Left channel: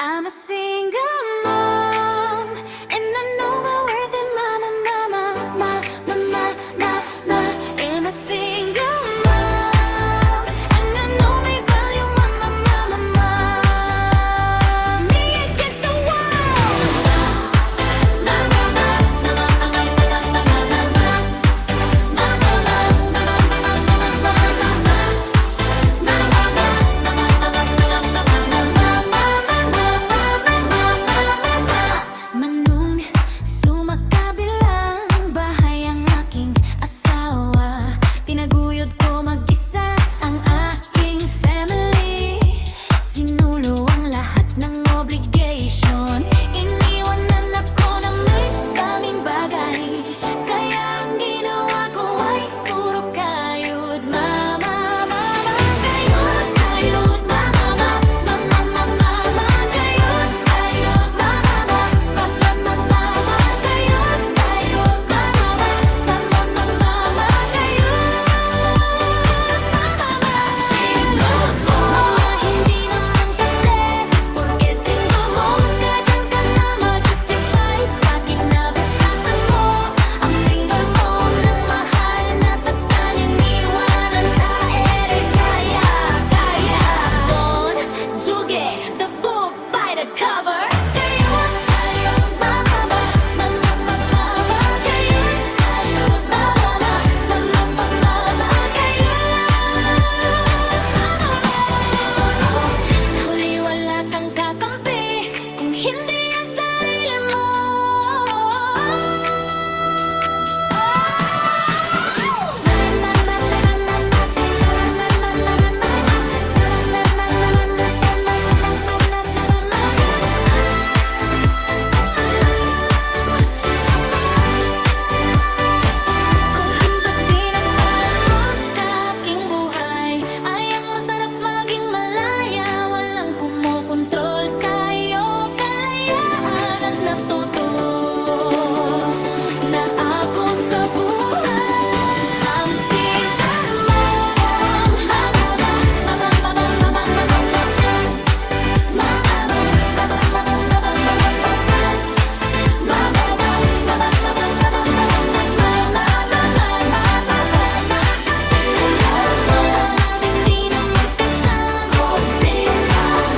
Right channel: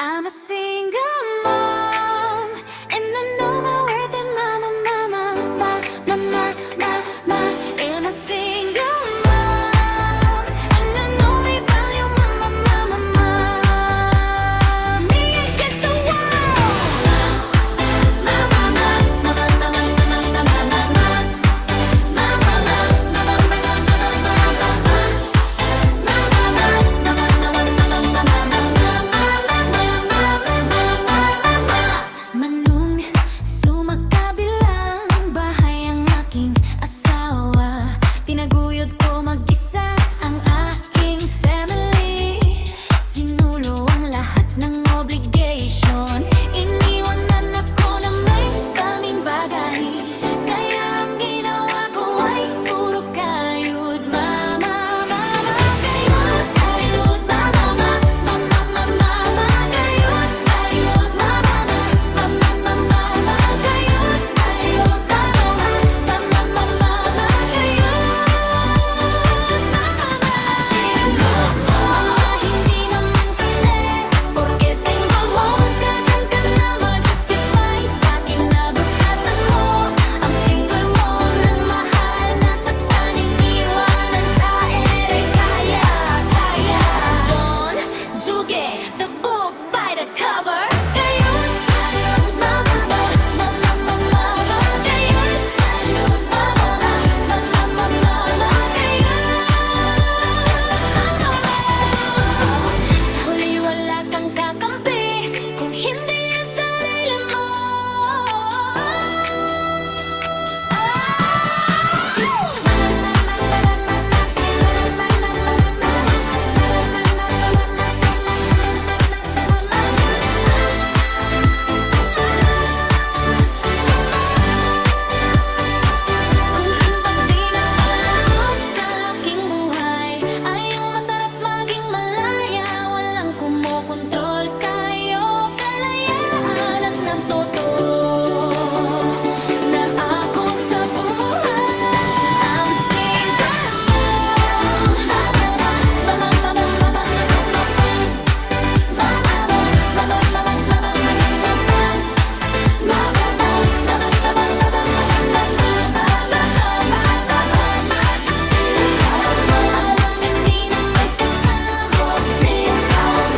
I'm a single mom, and I know my worth in mama, mama, ma, ma, ma, ma, ma. And a single mom, and I know my value, mama, mama, ma. Me against the world. Mama, mama, mama, mama, mama, mama, mama. Mama, mama, mama, mama, mama, Manong sumakabilang bahay ang aking asawa. Tinaguyod ko mag-isa ang aking family. Sinulo ang lahat ng obligation. Iniwanan ako na may kaming bagay. Kaya ang ginawa ko ay puro kayod. Mama, mama, kayod, kayod. Mama, mama, mama, mama, kayod, kayod. Mama, mama, mama, mama, kayod, kayod. Mama, mama, mama, mama, kayod. Mama, single mama, hindi naman kasi porque single mom ka, dyan ka na ma-justify sa kinabukasan mo. Ang single mom ng mahal na sa kaniniwanan sa ere kaya, kaya. Bon Jovi, the book by the cover. Kayod, mama, mama, mama, mama, kayod. Mama, mama, mama, mama, kayod. Sa huli wala kang kakampi kung hindi ang sarili mo. Kung hinpagdinapan ko sa aking buhay ay ang masarap maging malaya. Walang kumokontrol sa'yo, kalayaan at natuto na ako sa buhay. Ang single mom. Mama, mama, mama, mama, mama, mama. Mama, mama, mama, mama, mama, mama. Mama, mama, mama, mama, mama, Amang hindi na may kasama.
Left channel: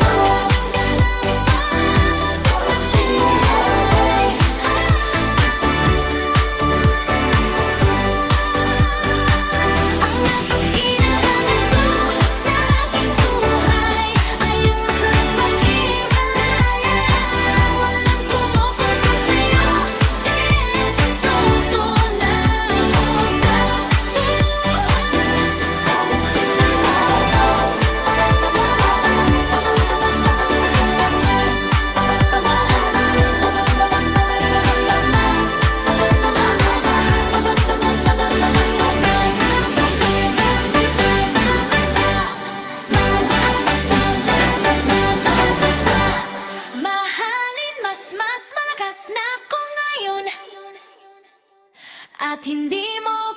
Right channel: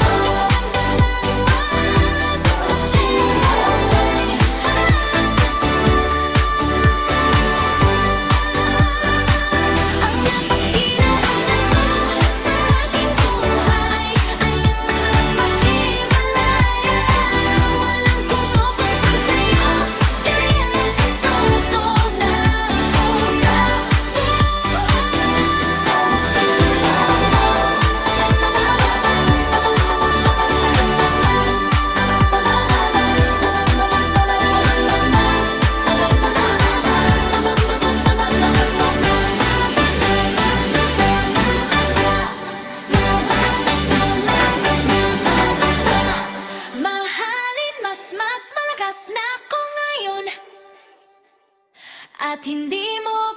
Magkadyan ka namin mag-istasay. Ang napagkinabangan ko sa aking buhay ay ang masarap maging malaya. Walang kumukontrol sa'yo, kaya natuto na ako sa buhay. Mahalin mas malakas na ako ngayon at hindi mo